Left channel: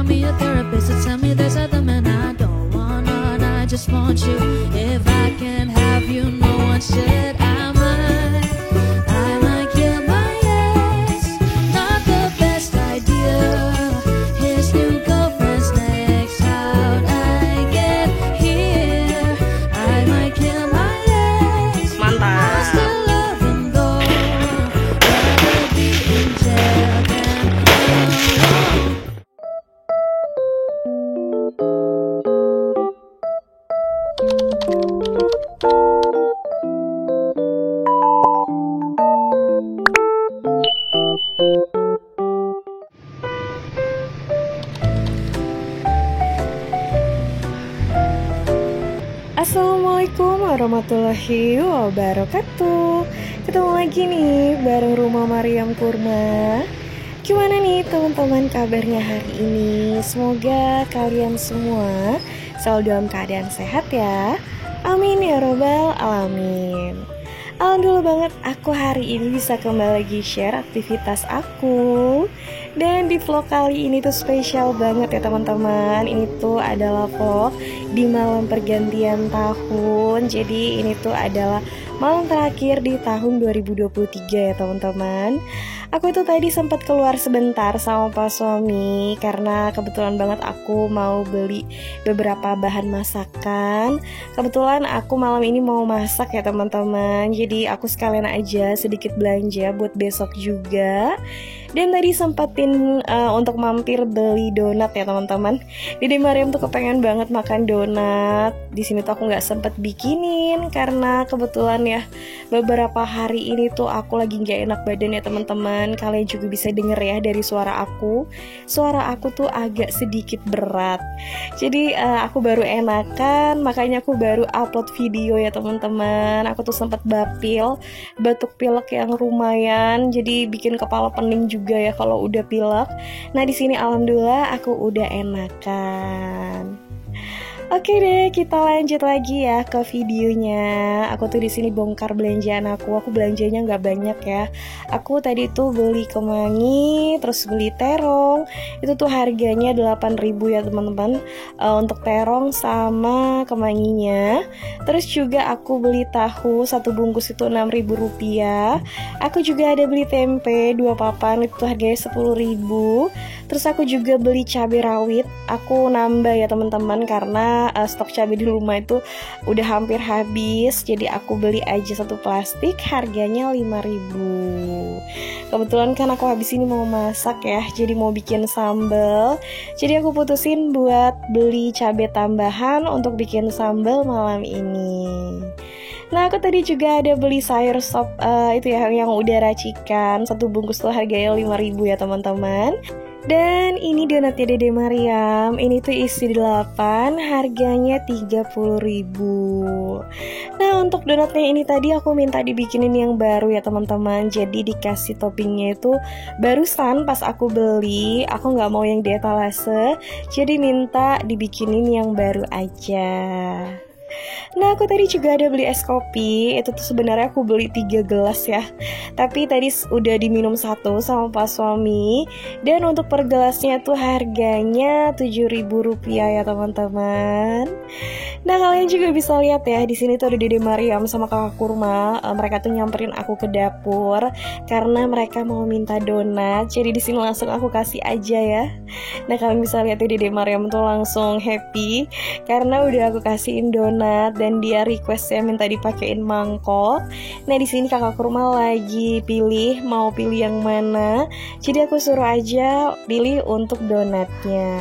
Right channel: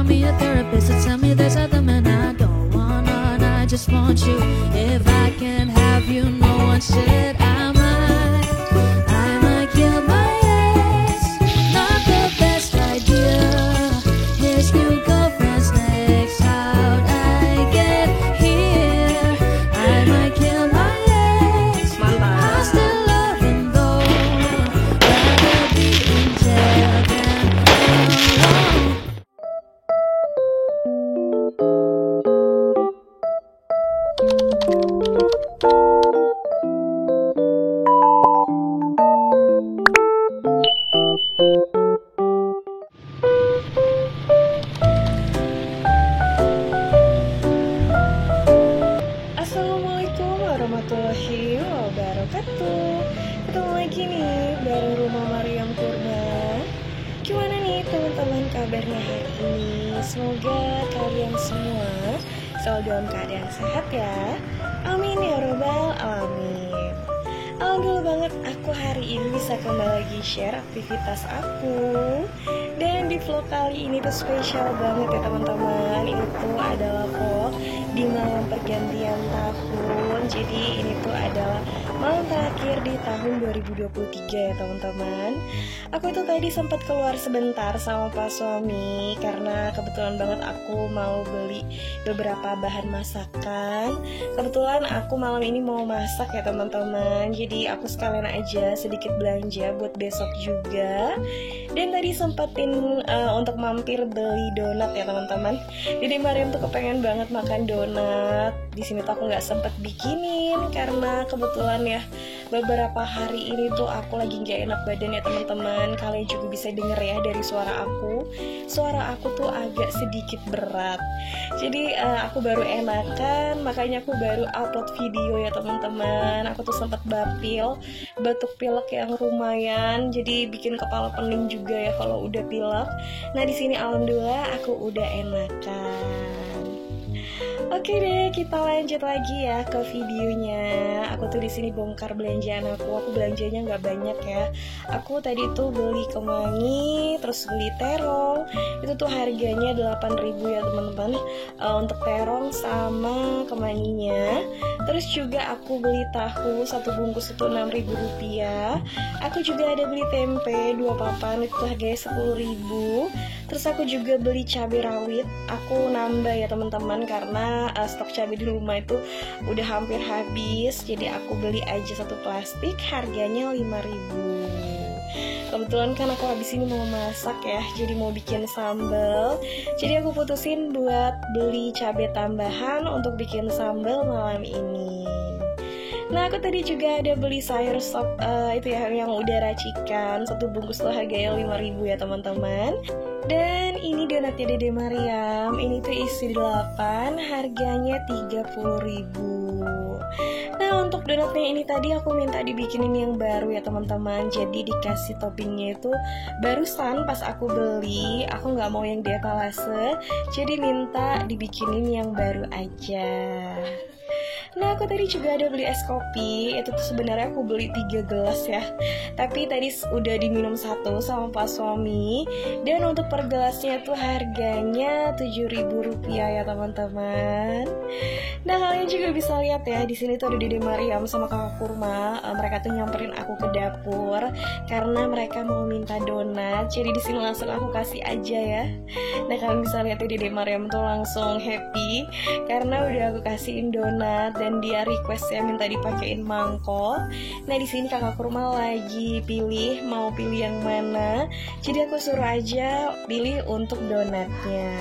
got me a therapist to tell me there's other men I don't wanna, and I just want you. If I can't have you, no one should. I might kill my ex. Not the best idea. His new girlfriend's next. How'd I get here? I might kill my ex. I still love him though. Rather be in jail than alone. Assalamualaikum warahmatullahi wabarakatuh. Ketemu lagi nih bareng Rumah Mariam Kurma. Gimana nih teman-teman kabarnya hari ini? Semoga kalian semua selalu dalam keadaan sehat ya. Amin ya robbal alamin. Alhamdulillah banget aku hari ini bisa kembali lagi share aktivitas aku. Dan di vlog kali ini tuh spesial banget ya teman-teman. Ini tuh adalah vlog di malam pergantian tahun. Jadi ini tuh adalah malam terakhir di tahun 2023 ya teman-teman. Aku itu tadi sempat keluar sebentar sama Pak Suami karena kebetulan banget aku mau beli beberapa bahan masakan. Kebetulan aku malam ini mau masak ya teman-teman. Jadi aku sekalian aja sedikit belanja buat besok juga. Dan tadi sempetin untuk mampir beli donat ya teman-teman. Dede Mariam tuh kepengen banget makan donat. Di sini tuh aku nggak sempet bikinin karena kebetulan ya beberapa hari ini tuh aku lagi nggak enak badan ya teman-teman. Kalian juga bisa denger ya dari suara aku. Suara aku tuh agak sedikit berat. Jadi aku baru enakan, makanya aku baru upload video ya teman-teman. Aku tuh sempet batuk pilek yang lumayan. Jadi bikin kepala pening juga ya kalau udah pilek. Nah di sini alhamdulillah aku udah enakan. Oke deh, kita lanjut lagi ya ke videonya. Aku tuh di sini bongkar belanjaan aku. Aku belanjanya nggak banyak ya. Aku tadi tuh beli kemangi, terus beli terong. Itu tuh harganya 8.000 ya teman-teman. Untuk terong sama kemanginya. Terus juga aku beli tahu, satu bungkus itu 6.000 rupiah. Aku juga ada beli tempe 2 papan, itu harganya 10.000. Terus aku juga beli cabai rawit. Aku nambah ya teman-teman karena stok cabai di rumah itu udah hampir habis. Jadi aku beli aja satu plastik, harganya 5.000. Kebetulan kan aku habis ini mau masak ya, jadi mau bikin sambal. Jadi aku putusin buat beli cabai tambahan untuk bikin sambal malam ini. Nah aku tadi juga ada beli sayur sop itu ya yang udah racikan. Satu bungkus tuh harganya 5.000 ya teman-teman. Dan ini donatnya Dede Mariam. Ini tuh isi 8, harganya 30.000. Nah untuk donatnya ini tadi aku minta dibikinin yang baru ya teman-teman. Jadi dikasih toppingnya itu barusan pas aku beli. Aku nggak mau yang di etalase, jadi minta dibikinin yang baru aja. Nah aku tadi juga ada beli es kopi. Itu tuh sebenarnya aku beli 3 gelas ya, tapi tadi udah diminum 1 sama Pak Suami. Dan untuk per gelasnya tuh harganya 7.000 rupiah ya teman-teman. Nah kalian juga bisa lihat ya, di sini tuh ada Dede Mariam sama Kakak Kurma. Mereka tuh nyamperin aku ke dapur karena mereka mau minta donat. Jadi di sini langsung aku kasih aja ya. Nah kalian bisa lihat ya, Dede Mariam tuh langsung happy karena udah aku kasihin donat. Dan dia requestnya minta dipakein mangkok. Nah di sini Kakak Kurma lagi mau pilih yang mana. Jadi aku suruh aja pilih untuk donatnya.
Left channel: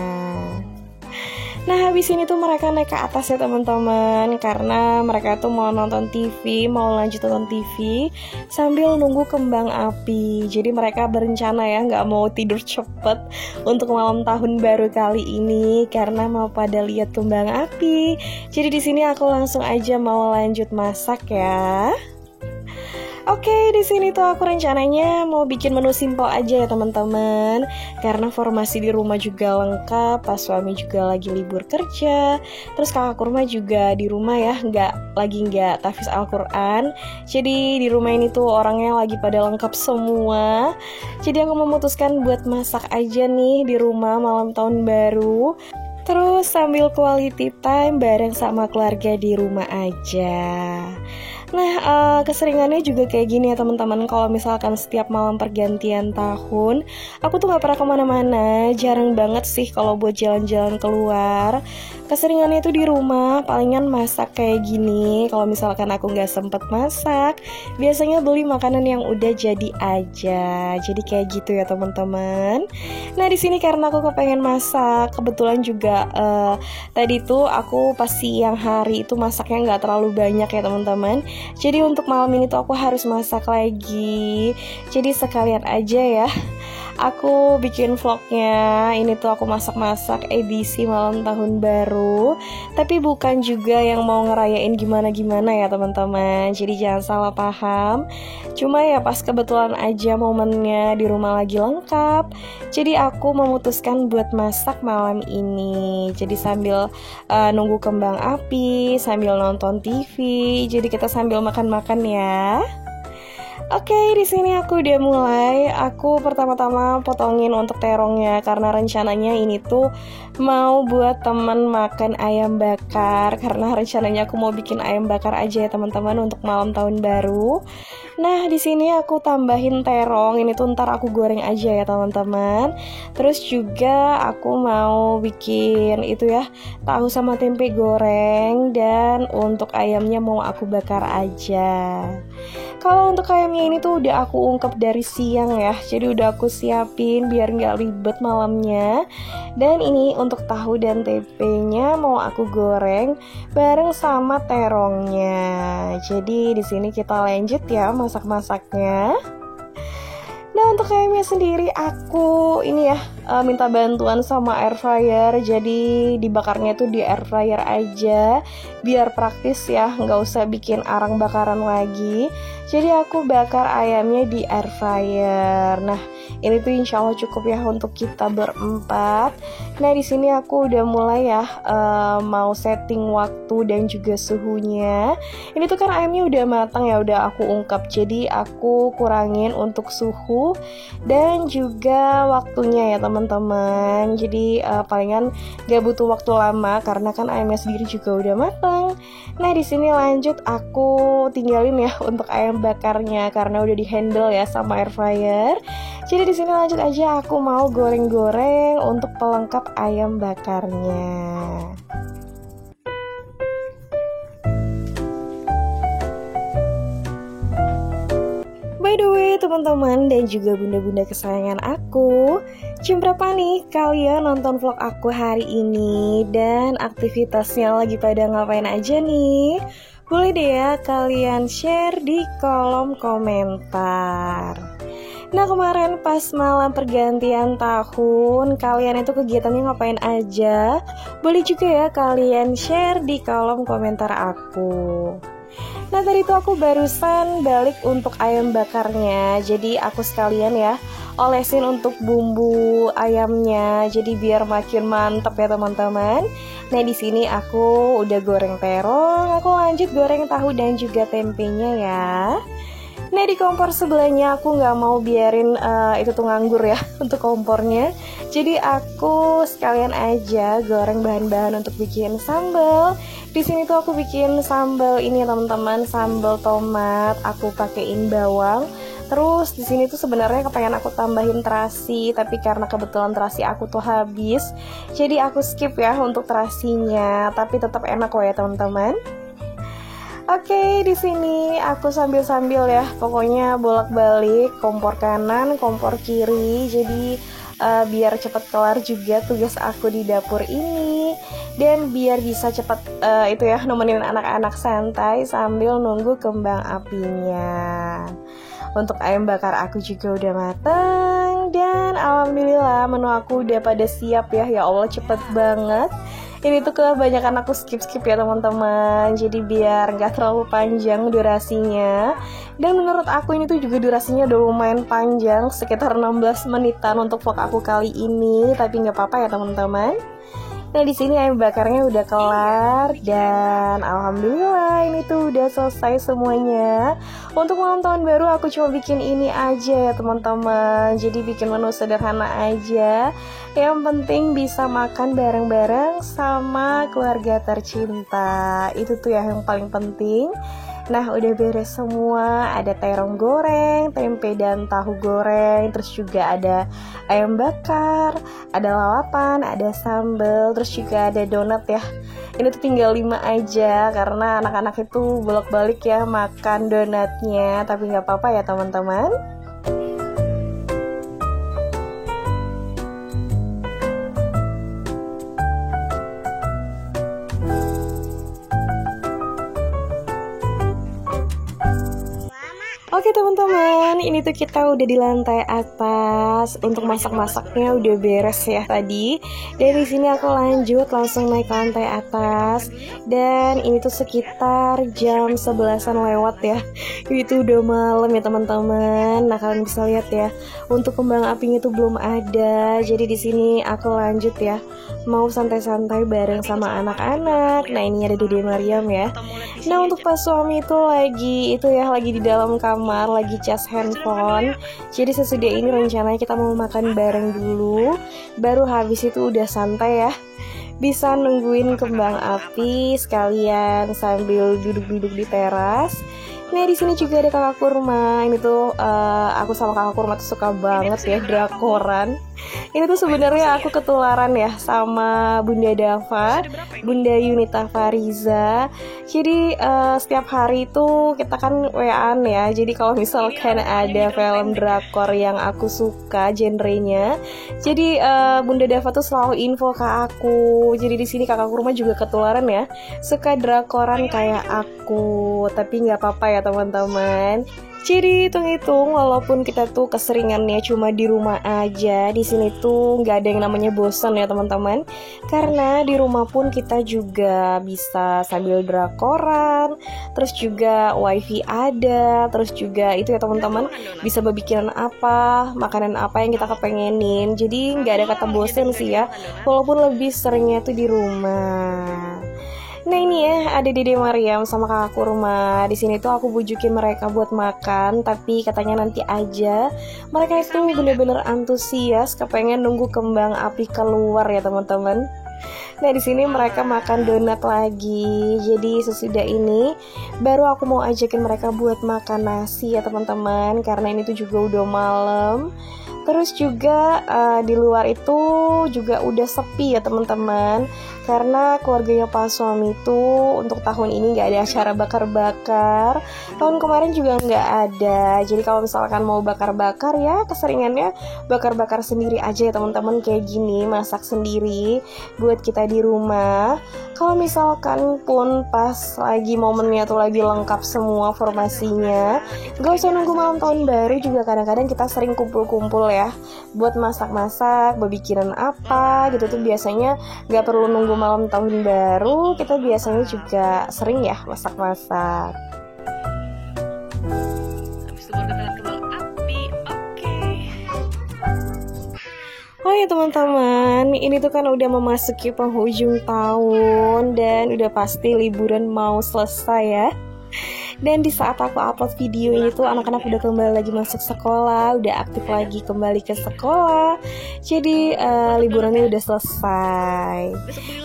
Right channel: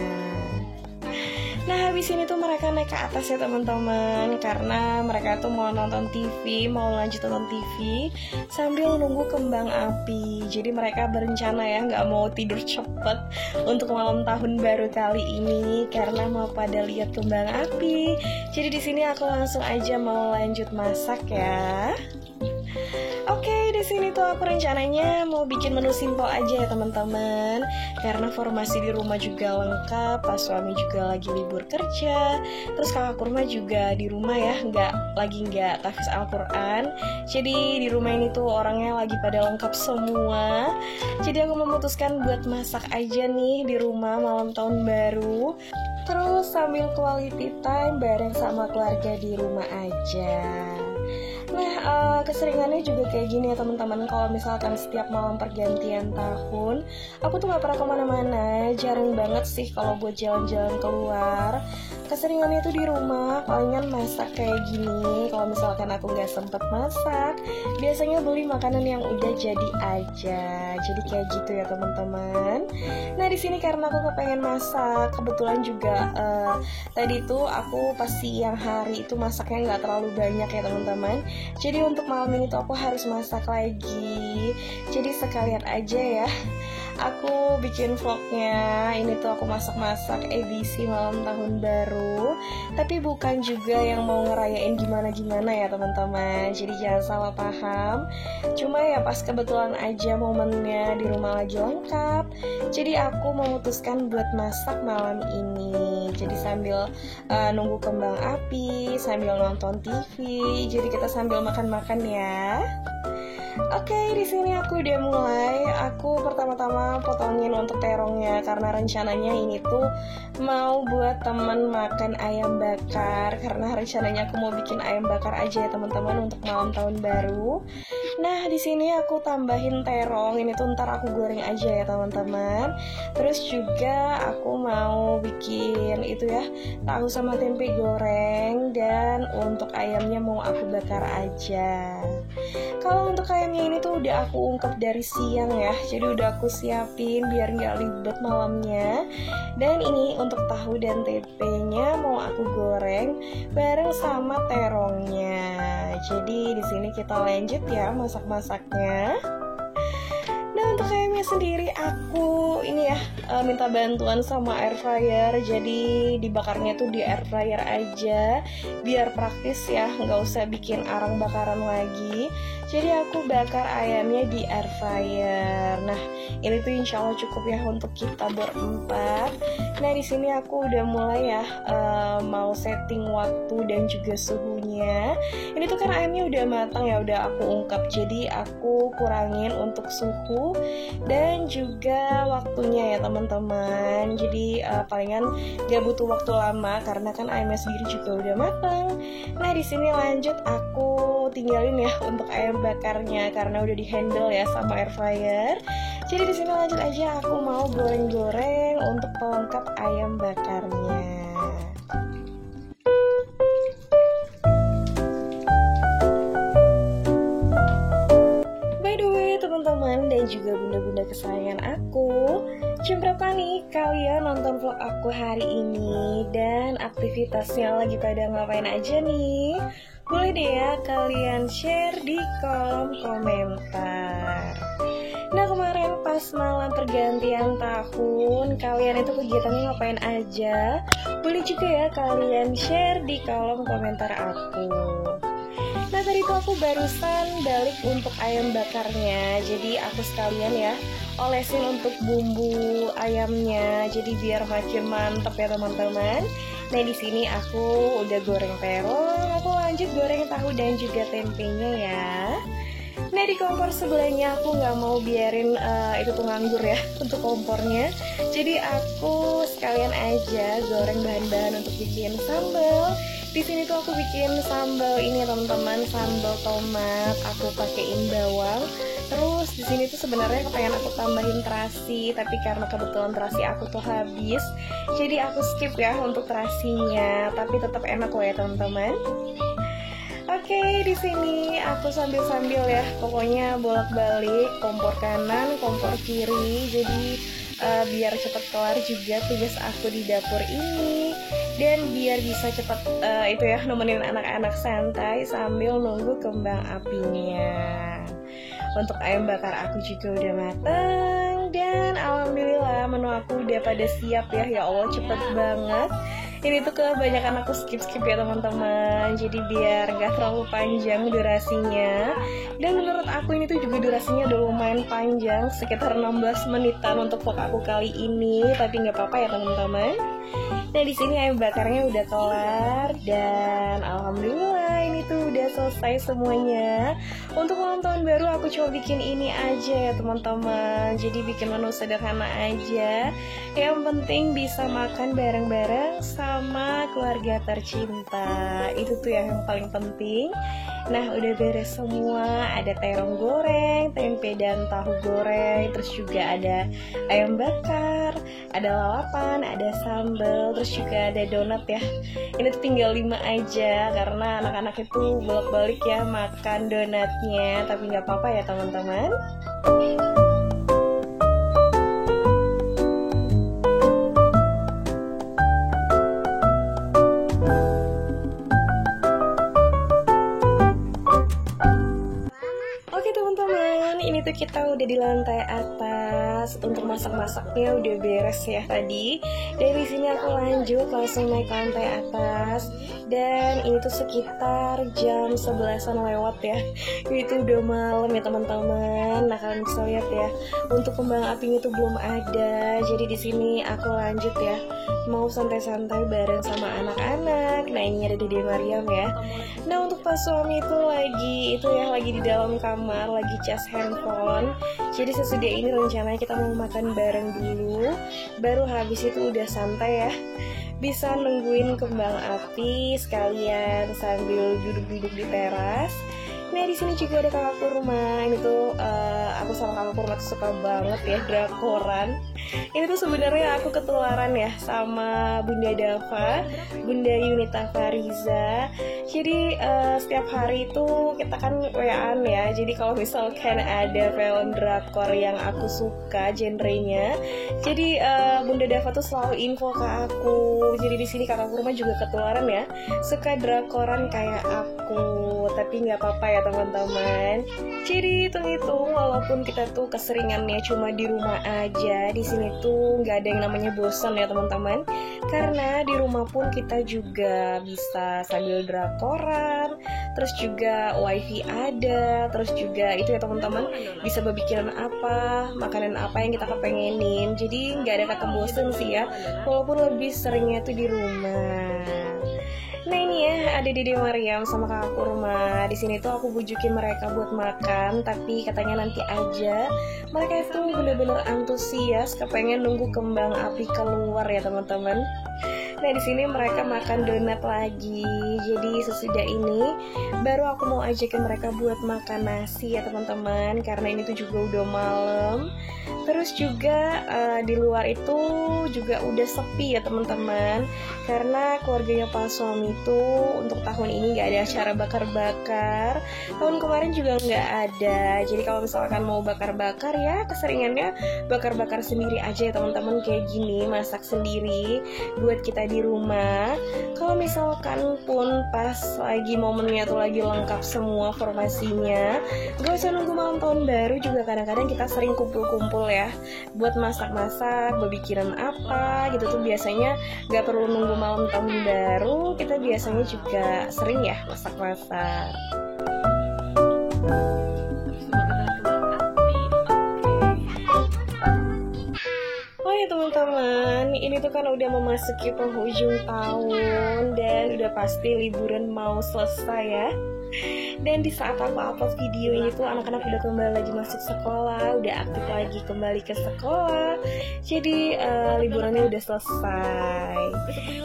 Nah habis ini tuh mereka naik ke atas ya teman-teman, karena mereka tuh mau nonton TV, mau lanjut nonton TV sambil nunggu kembang api. Jadi mereka berencana ya nggak mau tidur cepet untuk malam tahun baru kali ini karena mau pada lihat kembang api. Jadi di sini aku langsung aja mau lanjut masak ya. Oke, di sini tuh aku rencananya mau bikin menu simple aja ya teman-teman. Karena formasi di rumah juga lengkap, pas suami juga lagi libur kerja. Terus kakak kurma juga di rumah ya, nggak tahfiz Al-Quran. Jadi di rumah ini tuh orangnya lagi pada lengkap semua. Jadi aku memutuskan buat masak aja nih di rumah malam tahun baru. Terus sambil quality time bareng sama keluarga di rumah aja. Nah, keseringannya juga kayak gini ya teman-teman. Kalau misalkan setiap malam pergantian tahun, aku tuh gak pernah kemana-mana. Jarang banget sih kalau buat jalan-jalan keluar. Keseringannya itu di rumah, palingan masak kayak gini. Kalau misalkan aku gak sempet masak, biasanya beli makanan yang udah jadi aja. Jadi kayak gitu ya teman-teman. Nah di sini karena aku kepengen masak, kebetulan juga tadi tuh aku pas siang hari itu masaknya gak terlalu banyak ya teman-teman. Jadi untuk malam ini tuh aku harus masak lagi. Jadi sekalian aja ya aku bikin vlognya. Ini tuh aku masak-masak edisi malam tahun baru. Tapi bukan juga yang mau ngerayain gimana-gimana ya teman-teman. Jadi jangan salah paham. Cuma ya pas kebetulan aja momennya di rumah lagi lengkap. Jadi aku memutuskan buat masak malam ini. Jadi sambil nunggu kembang api, sambil nonton TV. Jadi kita sambil makan-makan ya. Oke, di sini aku udah mulai. Aku pertama-tama potongin untuk terongnya karena rencananya ini tuh mau buat temen makan ayam bakar. Karena rencananya aku mau bikin ayam bakar aja ya teman-teman untuk malam tahun baru. Nah, di sini aku tambahin terong. Ini tuh ntar aku goreng aja ya teman-teman. Terus juga aku mau bikin itu ya, tahu sama tempe goreng. Dan untuk ayamnya mau aku bakar aja. Kalau untuk ayamnya ini tuh udah aku ungkep dari siang ya. Jadi udah aku siapin biar nggak ribet malamnya. Dan ini untuk tahu dan tempenya mau aku goreng bareng sama terongnya. Jadi di sini kita lanjut ya masak-masaknya. Nah untuk ayamnya sendiri aku ini ya minta bantuan sama air fryer. Jadi dibakarnya tuh di air fryer aja biar praktis ya, nggak usah bikin arang bakaran lagi. Jadi aku bakar ayamnya di air fryer. Nah ini tuh insya Allah cukup ya untuk kita berempat. Nah di sini aku udah mulai ya mau setting waktu dan juga suhunya. Ini tuh kan ayamnya udah matang ya, udah aku ungkap. Jadi aku kurangin untuk suhu dan juga waktunya ya teman-teman. Jadi palingan gak butuh waktu lama karena kan ayamnya sendiri juga udah matang. Nah di sini lanjut aku tinggalin ya untuk ayam bakarnya karena udah dihandle ya sama air fryer. Jadi di sini lanjut aja aku mau goreng-goreng untuk pelengkap ayam bakarnya. By the way teman-teman dan juga bunda-bunda kesayangan aku, jam berapa nih kalian nonton vlog aku hari ini? Dan aktivitasnya lagi pada ngapain aja nih? Boleh deh ya kalian share di kolom komentar. Nah kemarin pas malam pergantian tahun, kalian itu kegiatannya ngapain aja? Boleh juga ya kalian share di kolom komentar aku. Nah tadi tuh aku barusan balik untuk ayam bakarnya. Jadi aku sekalian ya olesin untuk bumbu ayamnya. Jadi biar makin mantep ya teman-teman. Nah di sini aku udah goreng terong, aku lanjut goreng tahu dan juga tempenya ya. Nah di kompor sebelahnya aku nggak mau biarin itu tuh nganggur ya untuk kompornya. Jadi aku sekalian aja goreng bahan-bahan untuk bikin sambal. Di sini tuh aku bikin sambal ini ya teman-teman, sambal tomat. Aku pakein bawang. Terus di sini tuh sebenarnya kepengen aku tambahin terasi, tapi karena kebetulan terasi aku tuh habis, jadi aku skip ya untuk terasinya. Tapi tetap enak kok ya teman-teman. Oke, di sini aku sambil-sambil ya, pokoknya bolak-balik kompor kanan, kompor kiri. Jadi biar cepat kelar juga tugas aku di dapur ini, dan biar bisa cepat itu ya nemenin anak-anak santai sambil nunggu kembang apinya. Untuk ayam bakar aku juga udah mateng. Dan alhamdulillah menu aku udah pada siap ya. Ya Allah cepet banget. Ini tuh kebanyakan aku skip ya teman-teman. Jadi biar nggak terlalu panjang durasinya. Dan menurut aku ini tuh juga durasinya udah lumayan panjang, sekitar 16 menitan untuk vlog aku kali ini. Tapi nggak apa-apa ya teman-teman. Nah di sini ayam bakarnya udah kelar dan alhamdulillah ini tuh udah selesai semuanya. Untuk malam tahun baru aku coba bikin ini aja ya teman-teman. Jadi bikin menu sederhana aja. Yang penting bisa makan bareng-bareng sama keluarga tercinta. Itu tuh ya yang paling penting. Nah udah beres semua, ada terong goreng, tempe dan tahu goreng, terus juga ada ayam bakar, ada lalapan, ada sambal, terus juga ada donat ya. Ini tuh tinggal 5 aja karena anak-anak itu bolak-balik ya makan donatnya, tapi nggak apa-apa ya teman-teman. Oke teman-teman, ini tuh kita udah di lantai atas. Untuk masak-masaknya udah beres ya tadi. Dari sini aku lanjut langsung naik ke lantai atas. Dan ini tuh sekitar jam 11-an lewat ya. Itu udah malam ya teman-teman. Nah kalian bisa lihat ya, untuk kembang apinya tuh belum ada. Jadi di sini aku lanjut ya, mau santai-santai bareng sama anak-anak. Nah ini ada Dede Mariam ya. Nah untuk pas suami itu lagi di dalam kamar, lagi cas handphone. Jadi sesudah ini rencananya kita mau makan bareng dulu, baru habis itu udah santai ya, bisa nungguin kembang api sekalian sambil duduk-duduk di teras. Nah di sini juga ada kakak kurma. Ini tuh aku sama kakak kurma tuh suka banget ya drakoran. Ini tuh sebenarnya aku ketularan ya sama Bunda Dava, Bunda Yunita Fariza. Jadi setiap hari itu kita kan WA-an ya. Jadi kalau misalkan ada film drakor yang aku suka genrenya, jadi Bunda Dava tuh selalu info ke aku. Jadi di sini kakak kurma juga ketularan ya, suka drakoran kayak aku. Tapi nggak apa-apa ya teman-teman. Jadi hitung-hitung walaupun kita tuh keseringannya cuma di rumah aja, di sini tuh nggak ada yang namanya bosan ya teman-teman. Karena di rumah pun kita juga bisa sambil drakoran, terus juga wifi ada, terus juga itu ya teman-teman, bisa berbikiran apa, makanan apa yang kita kepengenin. Jadi nggak ada kata bosan sih ya, walaupun lebih seringnya tuh di rumah. Nah ini ya ada Dede Mariam sama kakak kurma. Di sini tuh aku bujukin mereka buat makan, tapi katanya nanti aja. Mereka itu bener-bener antusias, kepengen nunggu kembang api keluar ya teman-teman. Nah di sini mereka makan donat lagi. Jadi sesudah ini baru aku mau ajakin mereka buat makan nasi ya teman-teman, karena ini tuh juga udah malam. Terus juga di luar itu juga udah sepi ya teman-teman, karena keluarganya Pak suami itu untuk tahun ini nggak ada acara bakar-bakar. Tahun kemarin juga nggak ada. Jadi kalau misalkan mau bakar-bakar ya keseringannya bakar-bakar sendiri aja ya teman-teman, kayak gini, masak sendiri buat kita di rumah. Kalau misalkan pun pas lagi momennya tuh lagi lengkap semua formasinya, gak usah nunggu malam tahun baru juga, kadang-kadang kita sering kumpul-kumpul ya buat masak-masak, berpikiran apa gitu tuh biasanya gak perlu nunggu malam tahun baru, kita biasanya juga sering ya masak-masak. Oh ya teman-teman, ini tuh kan udah memasuki penghujung tahun dan udah pasti liburan mau selesai ya. Dan di saat aku upload video ini tuh anak-anak udah kembali lagi masuk sekolah, udah aktif lagi kembali ke sekolah. Jadi liburannya udah selesai.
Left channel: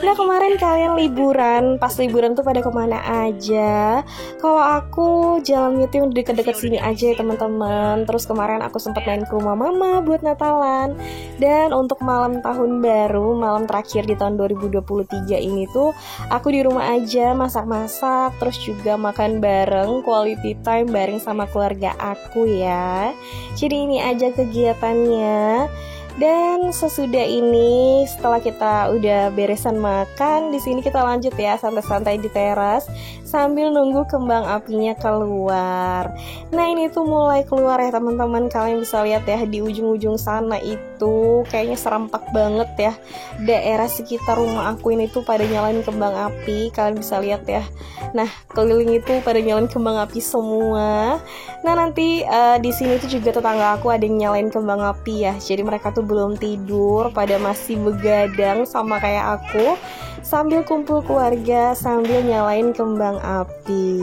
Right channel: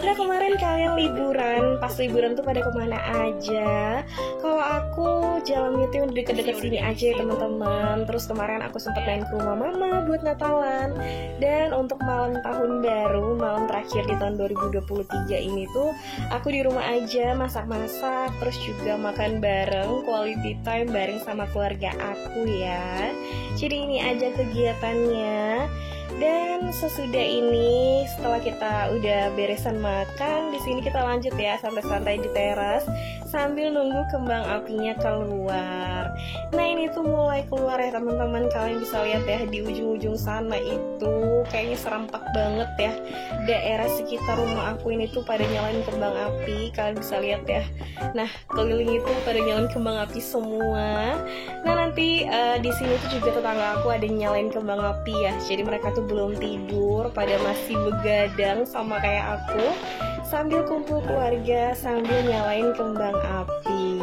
Nah kemarin kalian liburan, pas liburan tuh pada kemana aja? Kalau aku jalannya tuh deket-deket sini aja ya teman-teman. Terus kemarin aku sempat main ke rumah mama buat Natalan. Dan untuk malam tahun baru, malam terakhir di tahun 2023 ini tuh aku di rumah aja masak-masak, terus juga makan bareng, quality time bareng sama keluarga aku ya. Jadi ini aja kegiatannya. Dan sesudah ini, setelah kita udah beresan makan, di sini kita lanjut ya santai-santai di teras sambil nunggu kembang apinya keluar. Nah ini tuh mulai keluar ya teman-teman. Kalian bisa lihat ya di ujung-ujung sana itu kayaknya serempak banget ya. Daerah sekitar rumah aku ini tuh pada nyalain kembang api. Kalian bisa lihat ya. Nah keliling itu pada nyalain kembang api semua. Nah nanti di sini tuh juga tetangga aku ada yang nyalain kembang api ya. Jadi mereka tuh belum tidur, pada masih begadang sama kayak aku, sambil kumpul keluarga, sambil nyalain kembang api.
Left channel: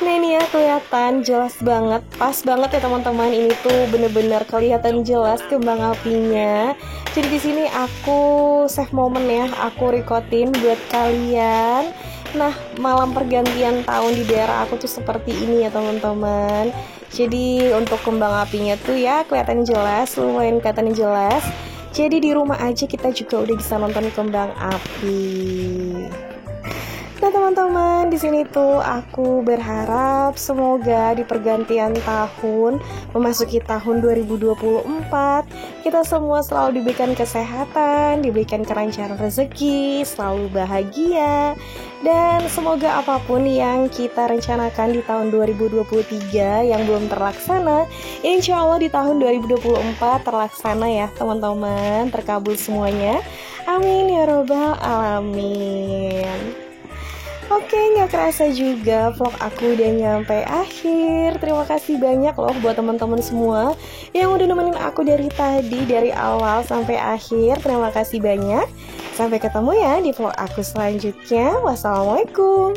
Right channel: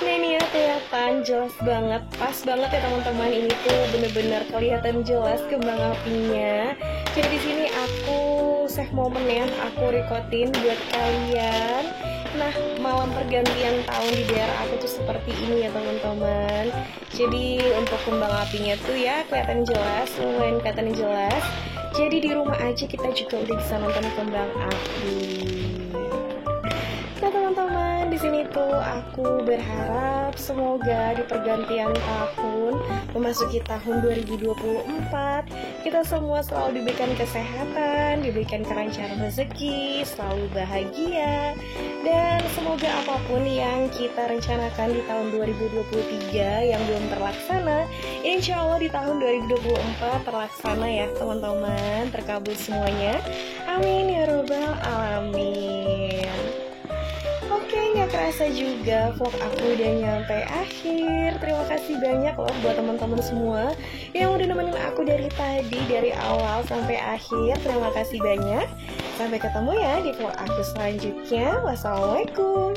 Nah ini ya kelihatan jelas banget, pas banget ya teman-teman. Ini tuh bener-bener kelihatan jelas kembang apinya. Jadi di sini aku save momen ya, aku recordin buat kalian. Nah malam pergantian tahun di daerah aku tuh seperti ini ya teman-teman. Jadi untuk kembang apinya tuh ya kelihatan jelas, lumayan kelihatan jelas. Jadi di rumah aja kita juga udah bisa nonton kembang api. Nah teman-teman, di sini tuh aku berharap semoga di pergantian tahun memasuki tahun 2024 kita semua selalu diberikan kesehatan, diberikan kelancaran rezeki, selalu bahagia, dan semoga apapun yang kita rencanakan di tahun 2023 yang belum terlaksana, insya Allah di tahun 2024 terlaksana ya teman-teman, terkabul semuanya. Amin ya robbal alamin. Oke, gak kerasa juga vlog aku udah nyampe akhir. Terima kasih banyak loh buat teman-teman semua yang udah nemenin aku dari tadi, dari awal sampai akhir. Terima kasih banyak. Sampai ketemu ya di vlog aku selanjutnya. Wassalamualaikum.